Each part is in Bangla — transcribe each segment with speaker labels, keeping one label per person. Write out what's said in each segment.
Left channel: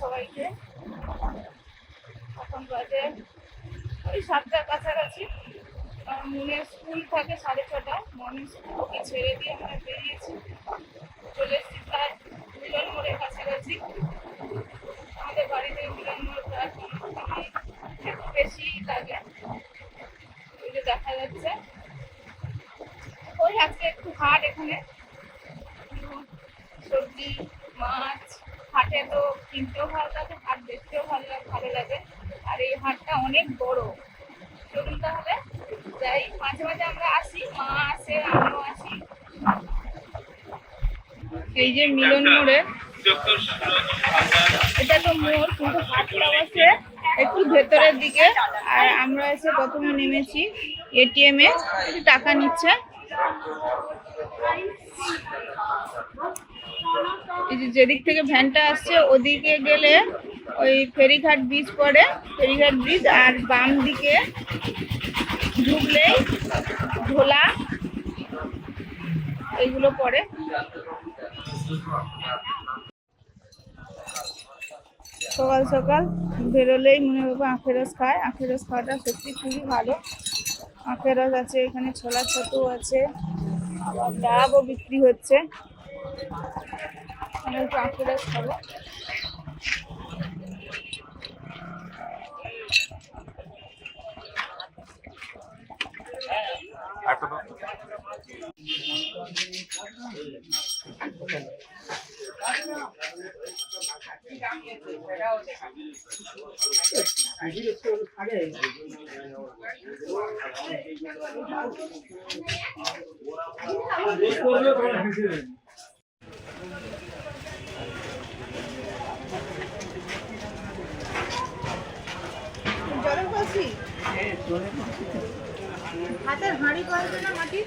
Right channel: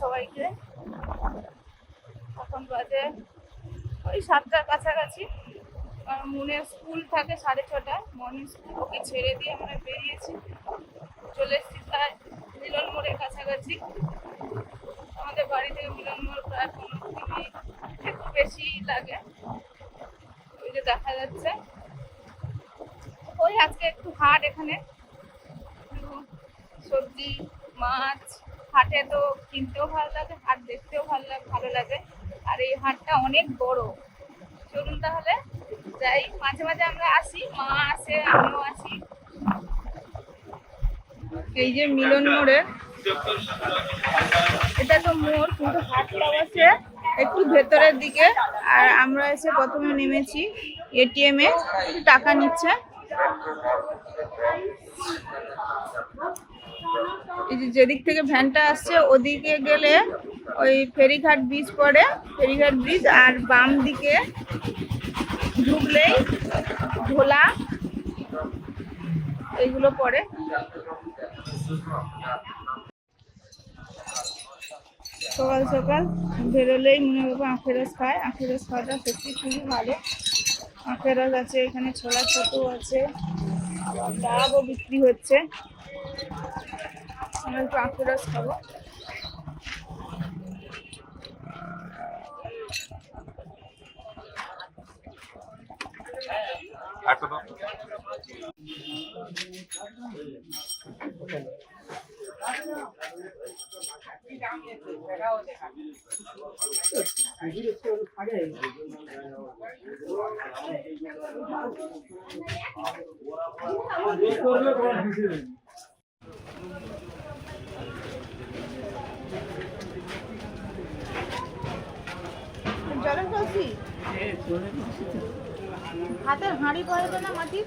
Speaker 1: সবাইকে। এখন বাজে ওই সাতটার কাছাকাছি। মনের স্কুল থাকে সাড়ে ছটায় মর্নিং স্কুল ওকে ছেড়ে দিয়ে আমরা বেরিয়েছি। চলে এসেছি প্রায় মিলন মোড়ের কাছাকাছি। আমাদের বাড়ি থেকে মিলন মোড় প্রায় পনেরো একটু বেশি লাগে। ওই যে দেখা যাচ্ছে। ওই আজকে একটু হাট এখানে। সবজি, মাছ হাটে তো কিনতেও ভালো লাগে, হাট দেখতেও ভালো লাগে ভালো লাগে। আর এই হাটটা অনেক বড়। চলুন তাহলে, যাই, মাঝে মাঝে আমরা আসি, মা আসে আমিও আসি এই যে মিলন মোড়ে। এটা তো মোড়, কিন্তু হাটটা আছে একটু ভেতরের দিকে। আর আমরা এসে প্রথমে নেমেছি এটিএম এ টাকা নিচ্ছে। এই যে যেদিক থেকে ভ্যানটা আসছে, ওদিকে গেলে ওই ফেরিঘাট ব্রিজ পড়ে। ফেরিঘাট ব্রিজ আর বাম দিকে ঢুকলেই ঢোলা এইগুলো পড়ে। সকাল সকাল বেরোলেই মনে হবে আখের রস খায়। আখের রস খাওয়াটা সত্যি খুবই ভালো। আখের রস আছে, এখানে ছোলা ছাতু আছে ডাবও বিক্রি হচ্ছে। আমরা একটু আখের রস খাব জলের কলসি হাতের হাঁড়ি দে না মাটির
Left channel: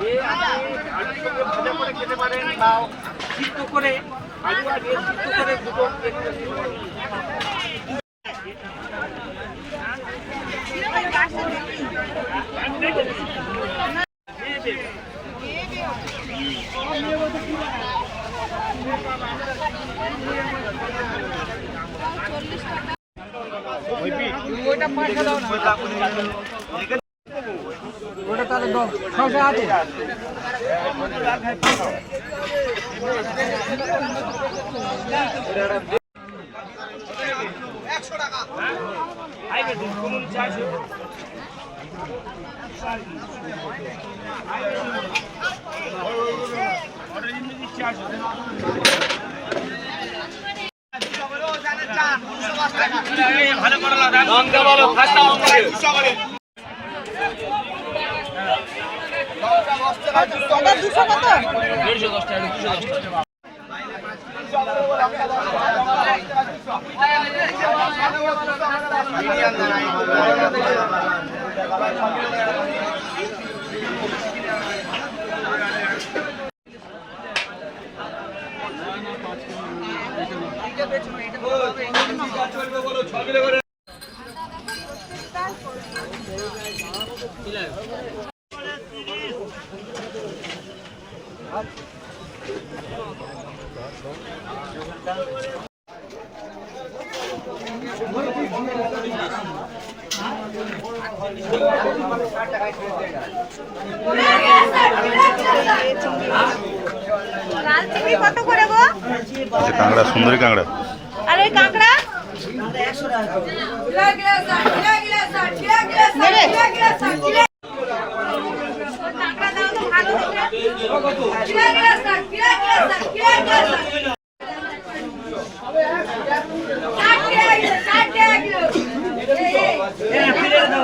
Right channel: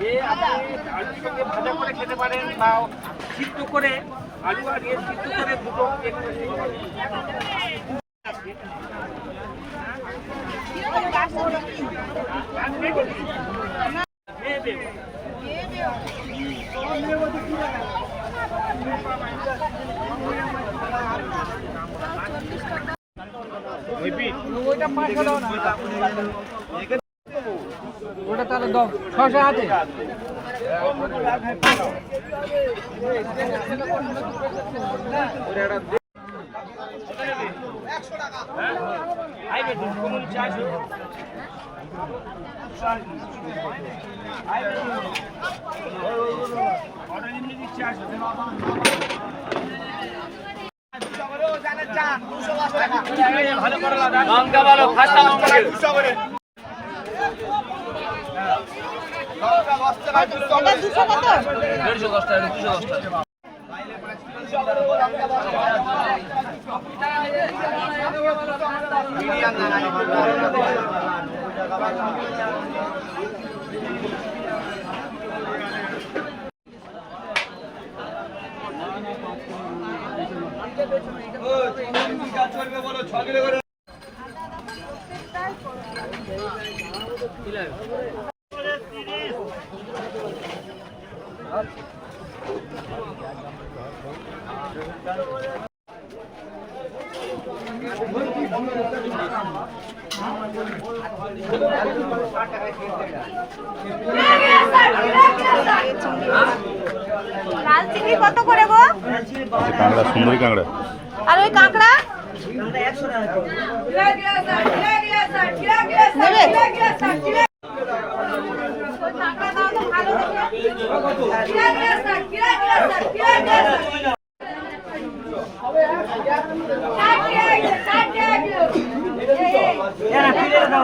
Speaker 2: এই মাঠে।
Speaker 3: আলুর সঙ্গে ভাজা করে খেতে পারেন বা সিদ্ধ করে আলু আর ইয়ে সিদ্ধ করে দুটো
Speaker 4: ওটা তাহলে দাও ছশো আছে
Speaker 3: ভালো করে লঙ্কা বলো খাস্তা দুশো করে দেড়শো দশ টাকা দুশো দশ টাকা
Speaker 1: লাল চিংড়ি কত করে
Speaker 5: কাঁকড়া সুন্দরী কাঁকড়া
Speaker 1: আর ওই কাঁকড়া নেবে?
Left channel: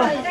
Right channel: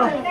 Speaker 1: ওই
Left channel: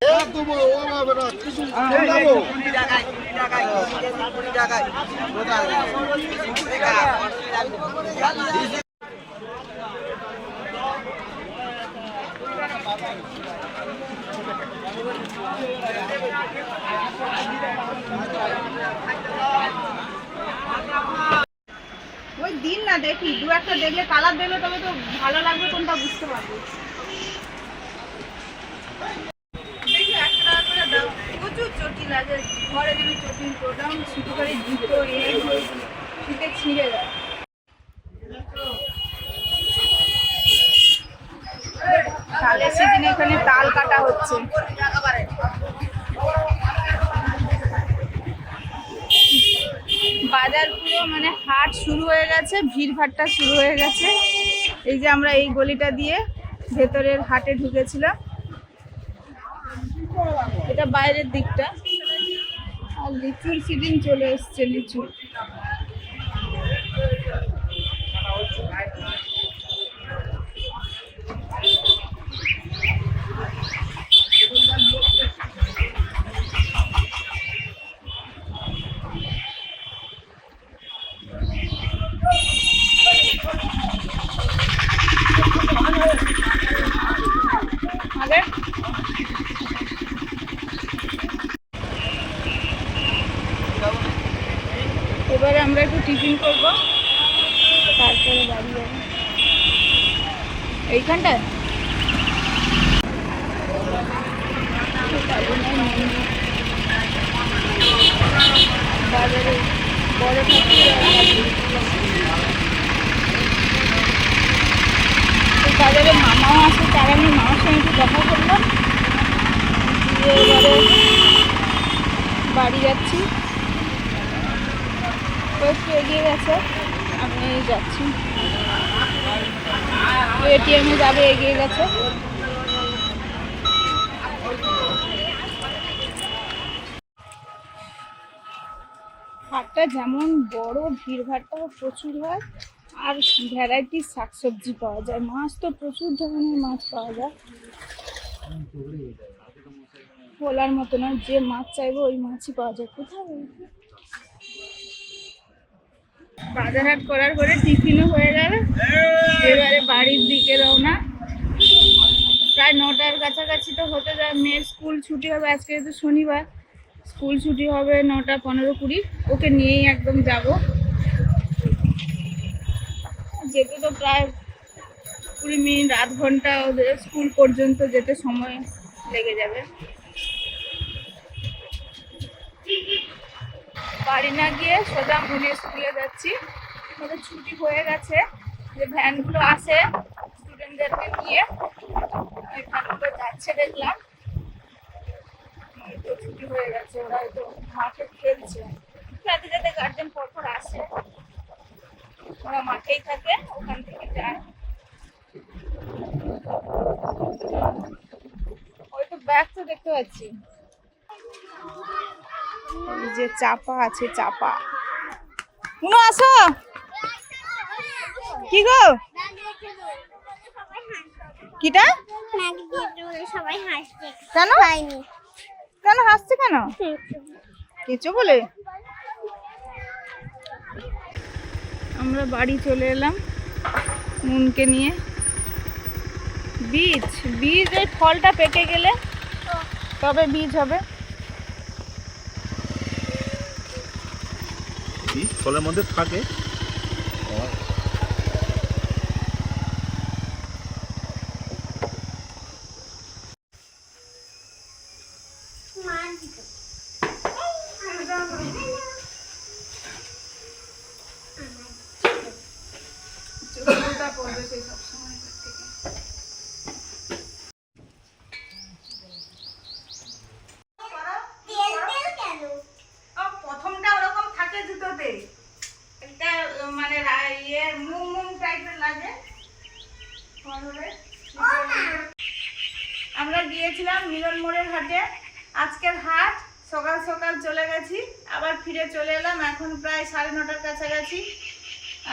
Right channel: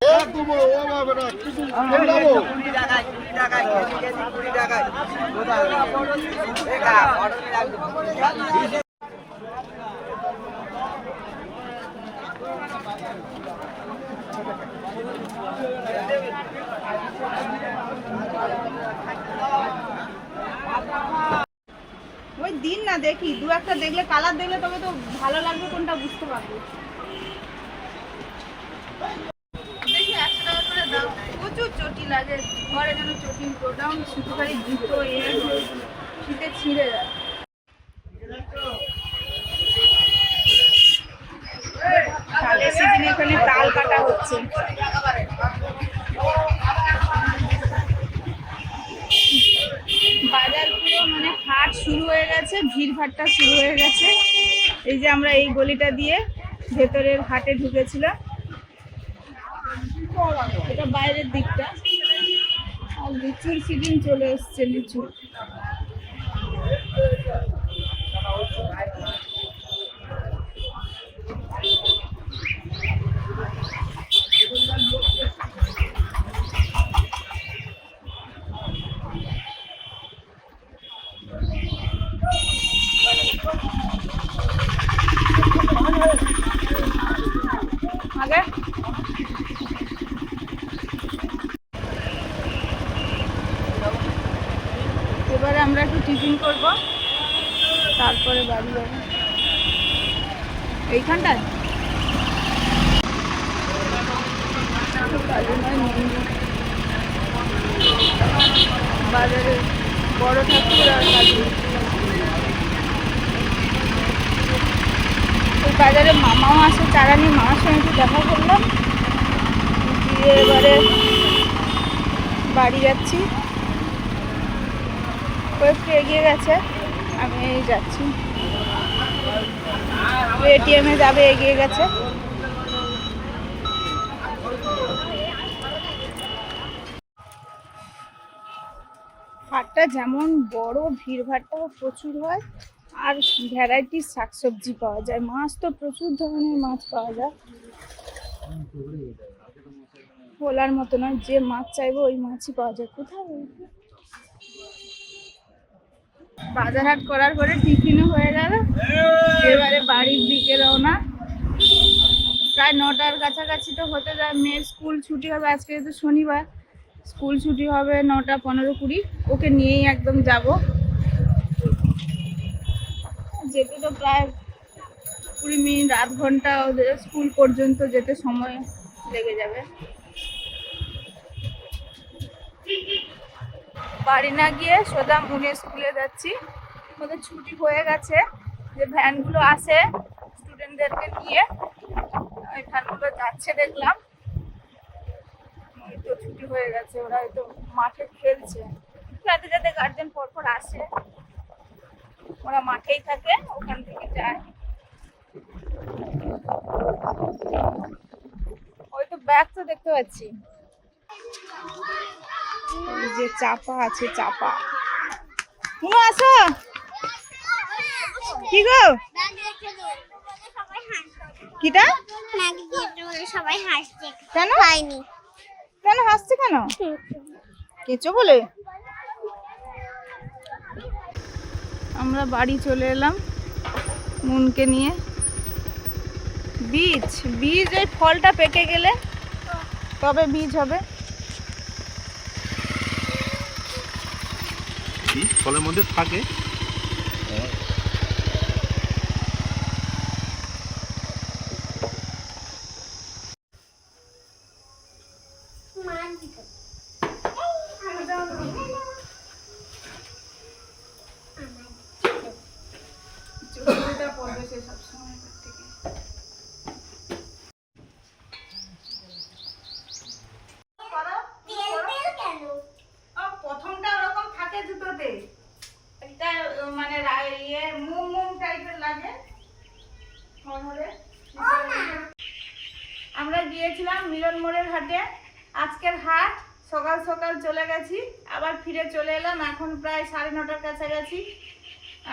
Speaker 1: ওই দিন না দেখি দু একটা দেখলে কালার দেখলে তবে তো ভালো লাগবে কোনটা বুঝতে পারব দেখি একশো টাকা করে দাও প্রচুর লাগে ঘরে যেন চটি গোডাউন ছুটি জুতো শীতে ছিঁড়ে যায়। তালের সিজনে এখানে তাল কাটা হচ্ছে। বাজার পুরো মানে হাট শুরু হয়ে গেছে, ভিড় ভাট্টা শুরু হয়ে গেছে। এই যে আমরা এই গলিটা দিয়ে ভেতরের হাটে ঢুকেছিলাম। এটা বাইরের দিকটা। লিচুর সিজন চলে এসছে লিচু আগে এবারে আমরা একটু টিফিন করব তারপরে বাড়ি যাব এইখানটায়? বাজারে বড় ঠাকুর আর বাজারে মামাও আসে চারানি মামার সঙ্গে একটু দেখা করলাম। দিয়ে এবারে বাড়ি যাচ্ছি। ও একটু এগিয়ে গেছে, আমি যাচ্ছি। এটিএমে যাবে, এগিয়ে গেছে। হাটটা যেমন বড় ভিড়ভাট্টাও প্রচুর হয়, আর ভ্যারাইটির শাকসবজি পাওয়া যায়। মাছ তো প্রচুর ধরনের মাছ পাওয়া যায়। বলার মতো নয়, যে মাছ চাইব ওই মাছই পাওয়া যায়। কোথাও বাজার হাট করার পরে টিফিনও হয়ে গেল। এবারে বাড়ির দিকে রওনা। প্রায় নটার কাছাকাছি তো হতে যায়, মেয়ের স্কুল ছুটি হবে, আজকে যেহেতু শনিবার, স্কুল ছুটি হবে নটা পনেরো কুড়ি, ওকে নিয়েই একদম যাব। যেতে তো প্রায় কুড়ি মিনিট, আধ ঘণ্টা ওদের স্কুল পর্যন্ত যেতে সময় লেগে যাবে। বাড়ি না গিয়ে সোজা মনে স্কুলে যাচ্ছি। ওদের ছুটি হয়ে গেছে যে ভ্যানগুলো আসে স্টুডেন্টদেরকে নিয়ে। ওই ভ্যানগুলো যাচ্ছে দেখলাম। তো ছুটি হয়ে গেছে, ওরা হয়তো মাঠে খেলছে। যাতে যাতে গার্জেন পরপর আসে। ওরা মাঠেই থাকে, ওখান থেকে যায়। ওই তো ব্যাগ তো দেখতে পাচ্ছি। এই যে চাপা আছে, চাপা। মুনু আসো। কি গো? কিটা?
Speaker 6: সবাই হাসছে
Speaker 1: কেন?
Speaker 6: পাইনি
Speaker 1: কেন হাসছে কেন? কেঁচো বলে? আমরা বাড়ি চলে এলাম মুনকে নিয়ে। বীজ বীজ এই ফলটা পেকে গেলে তবে বীজ হবে।
Speaker 5: ফলের মধ্যে থাকে
Speaker 6: তেল তেল কেন
Speaker 1: প্রথমটা ওরকম থাকে জুতোতে একটা আহ, মানে রা- ইয়ে মুম মুম টাইপের লাগে হবে। আমরা গিয়েছিলাম মিলন মোড়ের হাটে। আজকের হাট, সকাল সকাল চলে গেছি, আবার ফিরে চলে এলাম, এখন প্রায় সাড়ে নটার কাছাকাছি।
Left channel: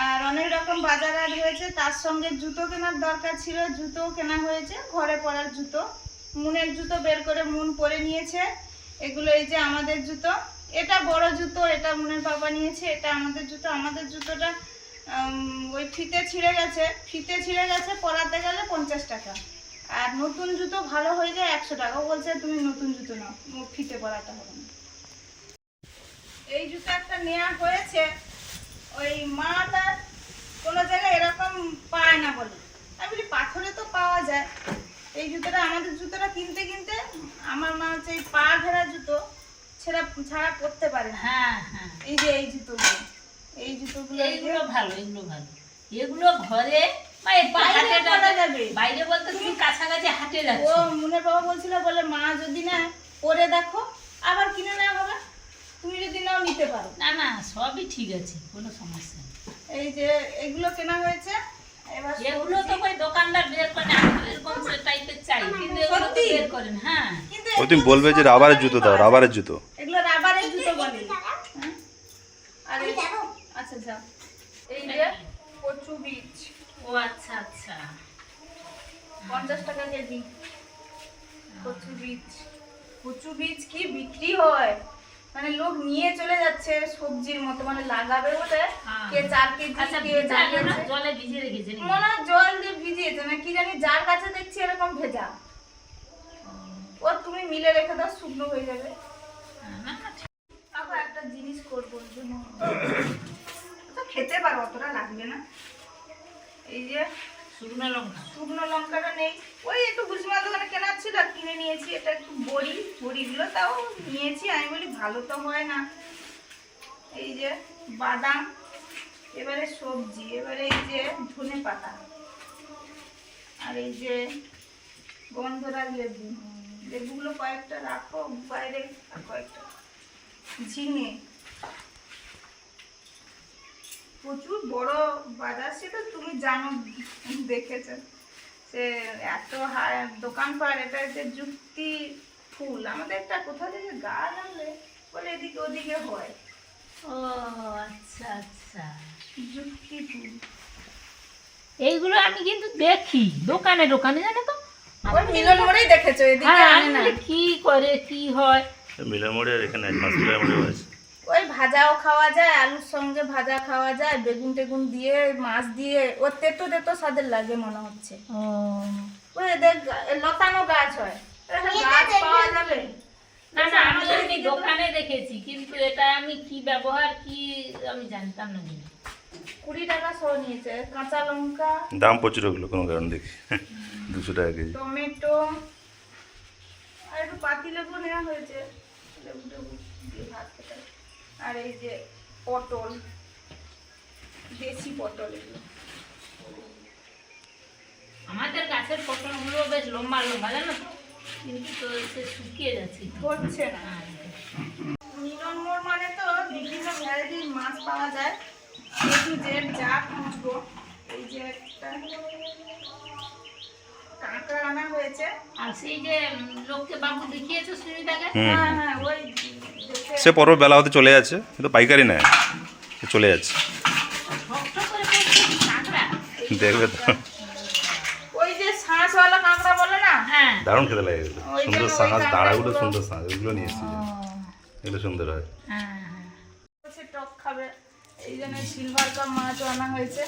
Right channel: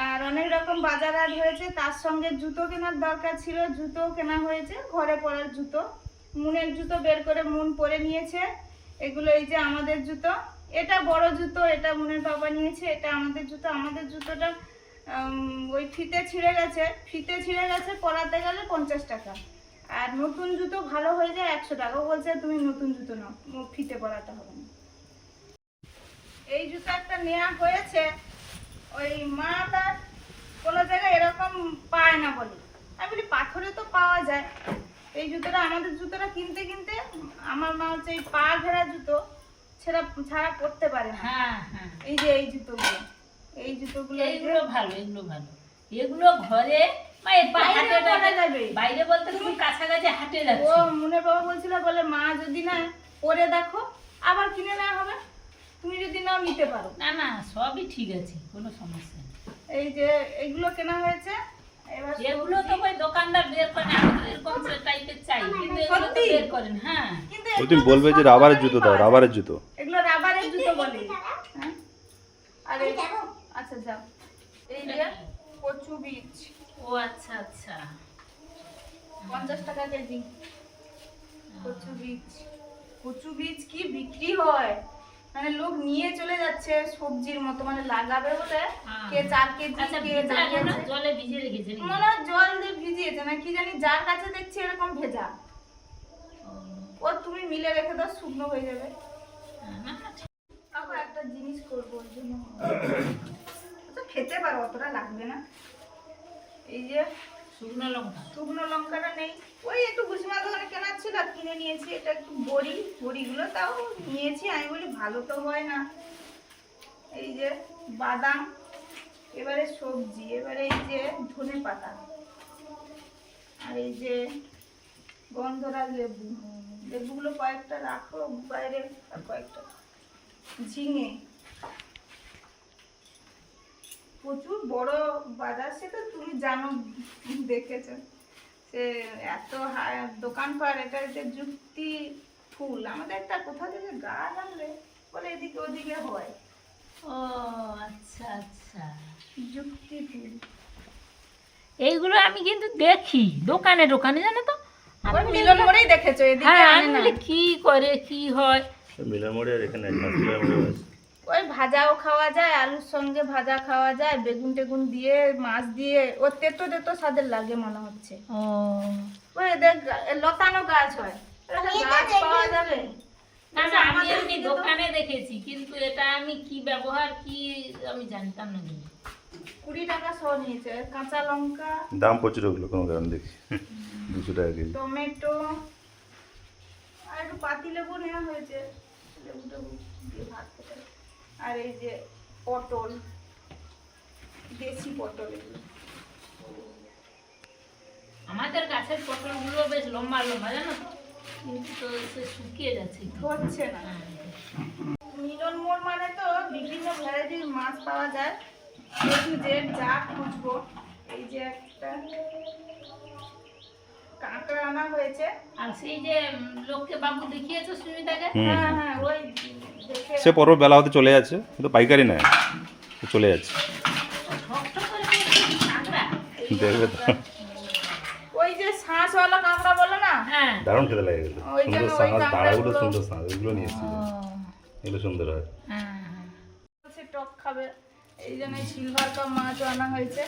Speaker 1: আর অনেক রকম বাজার হাট হয়েছে, তার সঙ্গে জুতো কেনার দরকার ছিল, জুতো কেনা হয়েছে, ঘরে পরার জুতো। মুনের জুতো বের করে মুন পরে নিয়েছে, এগুলো এই যে আমাদের জুতো। এটা বড় জুতো, এটা মুনের বাবা নিয়েছে, এটা আমাদের জুতো, আমাদের জুতোটা ওই ফিতে ছিঁড়ে গেছে, ফিতে ছিঁড়ে গেছে, পরাতে গেলে পঞ্চাশ টাকা। আর নতুন জুতো ভালো হয়ে যায় একশো টাকা। ও বলছে তুমি নতুন জুতো নাও ফিতে করাতে হবে না। এই জুতো একটা নেওয়া হয়েছে ওই মাটা কোনো জায়গায় এরকম পায় না বলে। আমি বলি পাথরে তো পাওয়া যায়। এই জুতোটা আমাদের জুতোটা কিনতে কিনতে আমার মা হচ্ছে এই পা ঘেরা জুতো ছেড়া ছাড়া পরতে পারে
Speaker 7: হ্যাঁ হ্যাঁ।
Speaker 1: এই যে এই জুতোগুলো এই জুতোগুলো
Speaker 7: এইগুলো ভালো এগুলো ভালো। এগুলো ঘরে
Speaker 1: বাইরে
Speaker 7: হাটে
Speaker 1: পরা
Speaker 7: টাটে-
Speaker 1: যাবে।
Speaker 7: বাইরে বলতে তুমি কাছাকাছি হাটে
Speaker 1: ও
Speaker 7: যাচ্ছ
Speaker 1: মুনের বাবা বলছিল বলে মা যদি না পরে দেখো আবার কিনে নেওয়া হবে। তুমি যদি নাও নিতে পারো।
Speaker 7: না না সবই ঠিক আছে কোনো সমস্যা নেই।
Speaker 1: এই যে এগুলো কেনা হয়েছে। এবার
Speaker 7: এগুলো তো ওই দোকানদার বের করে এরকম টাইপের চাই কিন্তু এগুলো তো
Speaker 1: সত্যি?
Speaker 7: বের করেন হ্যাঁ।
Speaker 1: কিন্তু
Speaker 5: ওই তুমি বলবে যে রাবারের জুতো দাও রাবারের জুতো।
Speaker 1: এগুলো রাবারের জুতো বলে। হ্যাঁ? আর আচ্ছা যাও। এই যে কচু বীজ।
Speaker 7: ও আচ্ছা আচ্ছা।
Speaker 1: পঞ্চাশ টাকা কেজি। কচু বীজ। কচু বীজ কি বিক্রি হয়? মানে লোক নিয়ে চলে যাচ্ছে সবজির মতো মানে লাগাবে বলে
Speaker 7: হ্যাঁ।
Speaker 1: কে চার কেজি
Speaker 7: আচ্ছা
Speaker 1: কে
Speaker 7: জলে ভিজিয়ে রেখেছে
Speaker 1: মনে হয় জল দিয়ে ভিজিয়েছে না কি জানি যার কাছে দেখছি এরকম ভেজা। ও। তুমি মিলে রেখে দাও শুকনো হয়ে যাবে।
Speaker 7: হ্যাঁ।
Speaker 1: আবার একটা জিনিস করব জন্য। তো খেতে পারো অতটা লাগবে না। এই যে
Speaker 7: শুকনো লঙ্কা।
Speaker 1: শুকনো লঙ্কাটা নেই। ওই একটু ভুসিমা দোকানে কেনার ছিল কিনে নিয়েছি। এটা একটু বড়ি বড়িগুলো তাও নিয়েছি। আমি বলি ভালো তো হয় না। এই যে বাদাম এবারে সবজি এবারে এই যে ধনে পাতা। আর এই যে লেবু। লেবুগুলো কয়েকটা রাখো বাইরে আর কয়েকটা। ঝিঙে। প্রচুর বড় বাজার সেটা তুমি জানো দেখেছ। সে এত হা- দোকানপাট এটা হচ্ছে যুক্তি ফুল। আমাদের একটা কোথা থেকে গাছ আনলে? বলে এদিকে ওদিকে হয়।
Speaker 7: ও আচ্ছা আচ্ছা।
Speaker 1: যুক্তি ফুল।
Speaker 7: এইগুলো আমি কিন্তু দেখি দোকানে দোকানে জানো তো?
Speaker 1: ওই মিলন মোড়েই দেখেছ এদিকে
Speaker 7: হ্যাঁ কি করে কি হয়?
Speaker 5: মিলের মোড়ে এখানে হসপিটালের মোড়ে আছে
Speaker 1: ওই ভাজাও খাওয়া যায় আলুর সঙ্গে ভাজা খাওয়া যায় বেগুন টেগুন দিয়ে মাছ দিয়ে ওর তেতো তেতো স্বাদের লাগে মনে হচ্ছে।
Speaker 7: ও।
Speaker 1: ওই এদের লতানো গাছ হয়। গাছ পাওয়া যাবে।
Speaker 7: না না আমি এমনি দোকানে দেখেছি কিন্তু এটা আমি কি ব্যবহার কি আমি জানতাম না
Speaker 1: কুড়ি টাকা সহ নিয়েছে কাঁচা লঙ্কা।
Speaker 5: দাম প্রচুর ওগুলো কোনো কারণ দেখি। দুশো টাকা কেজি।
Speaker 1: টমেটো। আর একটু পাতি লেবু নেওয়া হয়েছে লেবু টেবু দিয়ে ভাত। আর এই যে পটল দেশি পটল এগুলো।
Speaker 7: আমাদের গাছের পটলগুলো বেশ লম্বা লম্বা জানো? তো কিন্তু তো সে শুকিয়ে যাচ্ছে।
Speaker 1: হচ্ছে না।
Speaker 7: হ্যাঁ।
Speaker 1: মিলন মোড় মানে তো বিভিন্ন ভ্যারাইটির মাছ পাওয়া যায়। একটু জেড যা খুঁজবো এই যে একটা। কাঁকড়া আনা হয়েছে।
Speaker 7: আর সেই যে লোককে বাবু দেখিয়েছো সুনিতাকে?
Speaker 5: হুম।
Speaker 1: হ্যাঁ হ্যাঁ ওই
Speaker 5: সে পরও বেলা হতে চলে যাচ্ছে কিন্তু পাইকারি নেয় সে চলে যাচ্ছে। দেখবে তো।
Speaker 1: ওই যে শাঁসওয়ালা কাঁকড়া বলে না?
Speaker 7: হ্যাঁ।
Speaker 5: দারুণ খেতে লাগে এগুলো সুন্দর সাঁজ দাঁড়াগুলো সুন্দর সাঁজ এগুলো নিয়ে এসেছি। এগুলো সুন্দর হয়।
Speaker 7: হ্যাঁ হ্যাঁ
Speaker 1: সে টক খাবে। এই জন্য সিলভার কাপ মাছও আনা হয়েছে।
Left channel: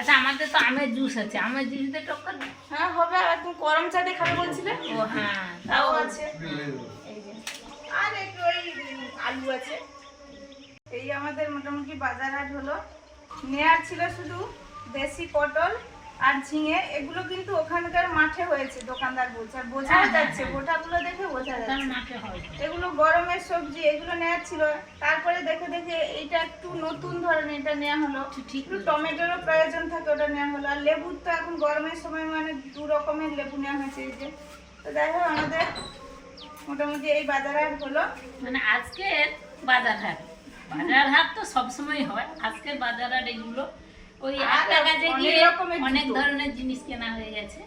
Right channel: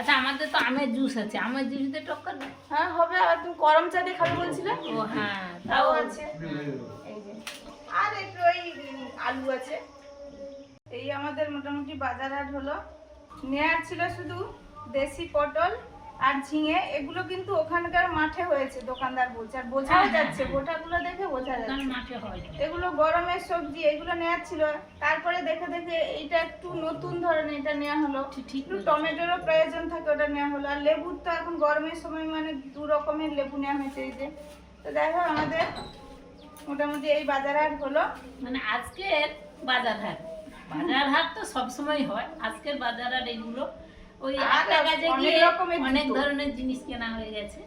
Speaker 7: আচ্ছা আমাদের তো আমের জুস আছে। আমের জুস দিয়ে টক্কর দেয়?
Speaker 1: হ্যাঁ হবে আর তুমি গরম চা দিয়ে খাবে বলছিলে?
Speaker 7: ও হ্যাঁ
Speaker 1: তাও
Speaker 7: তাও
Speaker 1: আছে। এই যে। আর একটু ওই আলু আছে। এই আমাদের মোটামুটি বাজার হাট হলো। নেওয়ার ছিল শুধু দেশি পটল আর ঝিঙে এগুলো কিন্তু ওখানকার মাঠে হয়েছে দোকানদার বলছে। আর বোঝাও যাচ্ছে গোটাগুলো দেখে বোঝা যাচ্ছে।
Speaker 7: হয়।
Speaker 1: এগুলো গরমের সবজি এগুলো নেওয়ার ছিল। তারপরে দেখে দেখে এইটা একটু নতুন ধরনের এটা নেওয়া হলো। একটু টমেটোরও প্রয়োজন থাকে ওটা নেওয়া হলো। আর লেবুর তো এখন গরমের সময় মানে দু রকমের লেবু নেওয়া হয়েছে এই যে। তো দেখো আমাদের মোটামুটি এই বাজার হাট হলো।
Speaker 7: মানে আজকের বাজার হাট। বাজার হাট তো সবসময় হয়। আজকের বাজার হাট এগুলো ওই
Speaker 1: অনেক
Speaker 7: গিয়ে অনেক ধরনের জিনিস কেনা হয়ে গেছে।